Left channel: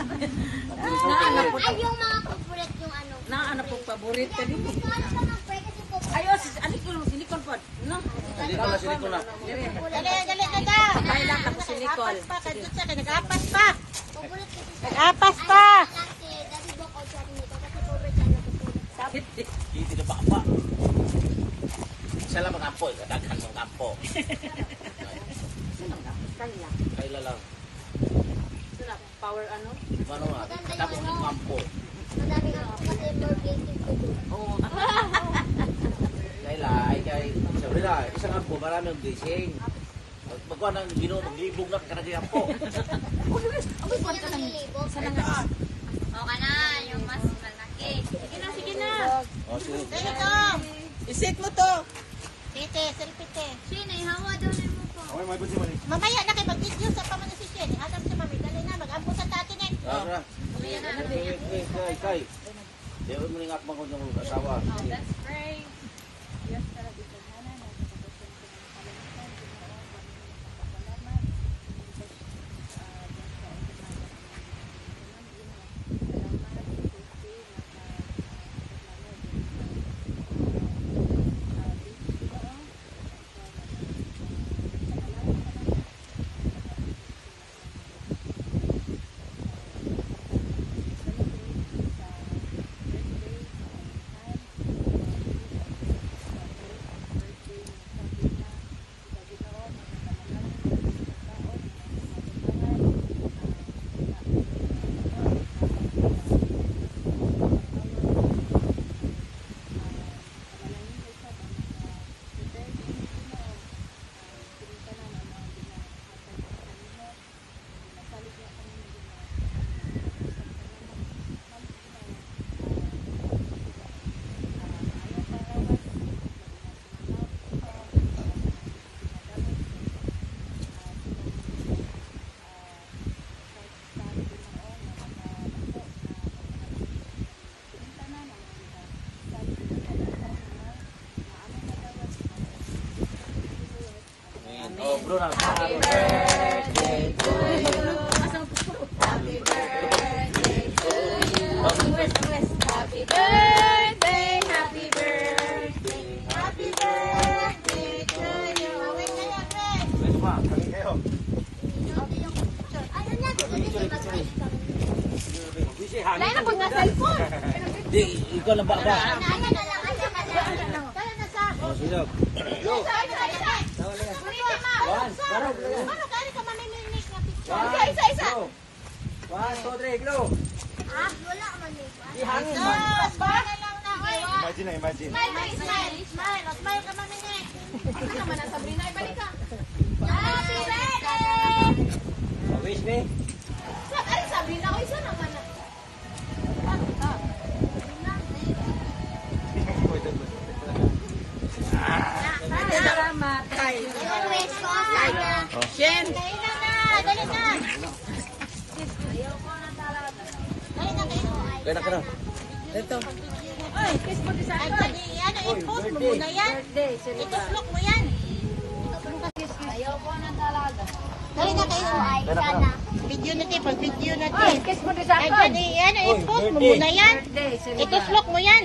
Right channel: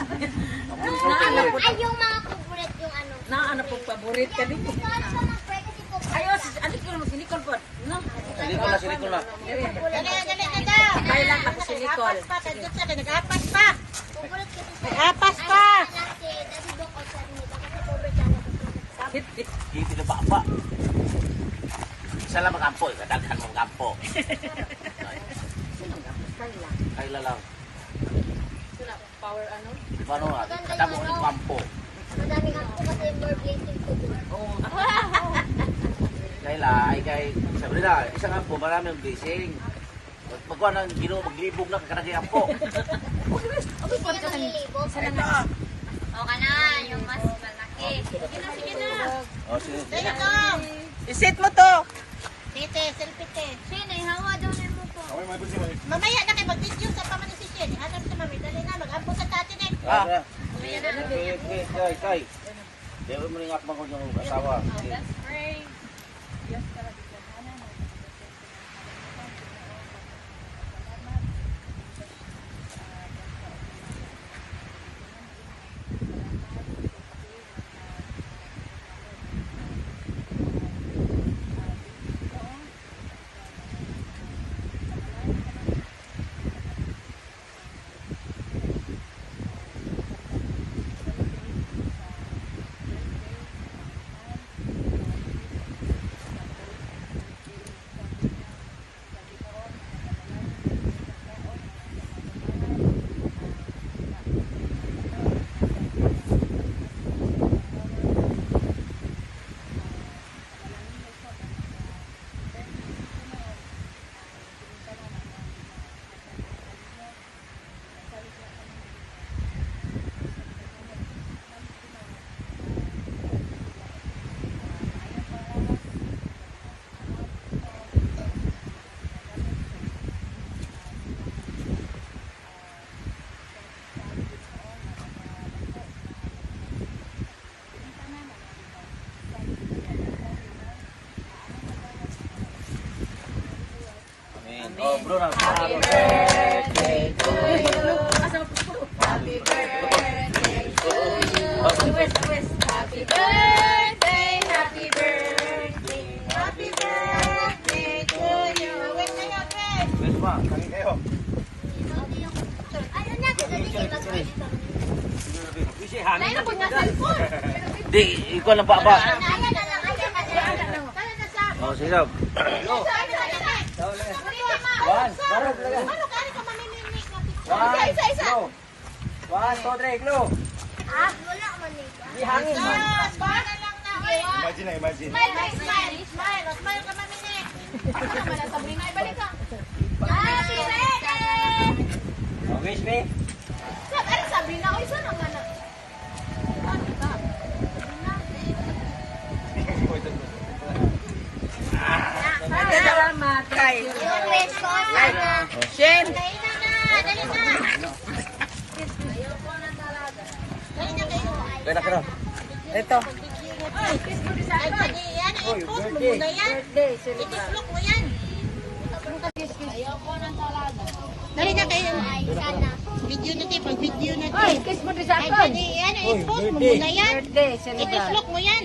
Ay, yung mga favorite yung ano. Ano po paborito ka din? Ayo, alikon mo silikon po. No? Silikon na. Dali na. Kaya lang tapos silikon. Nag-apas pa. Nag-apas pa. Dito na baba. Isa lang makampo. Kadaghan mong kampo. Kaila lang. Power ano? Paano nga? Kadaghan mong kampo. Madaming ako kasi more blessings to do. Oo. Kaila, ay kay... Sabi na, isang kampo, marami yung blessing. Pagkuha ng ginoo, maglibog na kakanaging kampo. Hindi na manlilibog. Okay na, yung mas malaki. Sige na. O, sige. Dali to. Isit mo to. Tite, selfie te. Sino, ihawa daw niya mo po. Mamaya na kayo mag-video sa pamanisisyon. Hadam sa mami, dali na, mag-ampo sa tatinek. Ah. Kay. Dewan mo rin akma ko yung asawa. Let's pray. Oh, bro, happy birthday to you. Happy birthday to you. Happy birthday, happy birthday, happy birthday to you. Wait kayo, wait. Best ma, kami kayo. Ano na, kasi Wisi, hangin. Kaya na po na cellphone. Di, ikaw lang baba. Kaya na sa... Oh, sige. Go. One, parang talaga. Ano kaya ka mamiminig na picture? One, go. 1, 2, 3, go. Ah, wala ka man Di hangin man. Para lang na. Imagine na, imagine. Smile ka maminig. Ano naman ang sabihin na ibalik ka? Happy birthday! Wish me. Ano sabihin na? O, isa naman na. Salamat. Kay. Request ko. Shen. Dali na. Dali na kayo. Kaya na ka na. Ito. Ay, kiss mo sa Ay, akin. yan. I-post mo birthday. muna yan. Birthday. I-vlog mo yan. Dali na kayo. Ay, sana. Video na din. Pag-video na din. Ay, kiss mo sa akin. Yan, i-post mo muna yan. Birthday. I-vlog mo yan.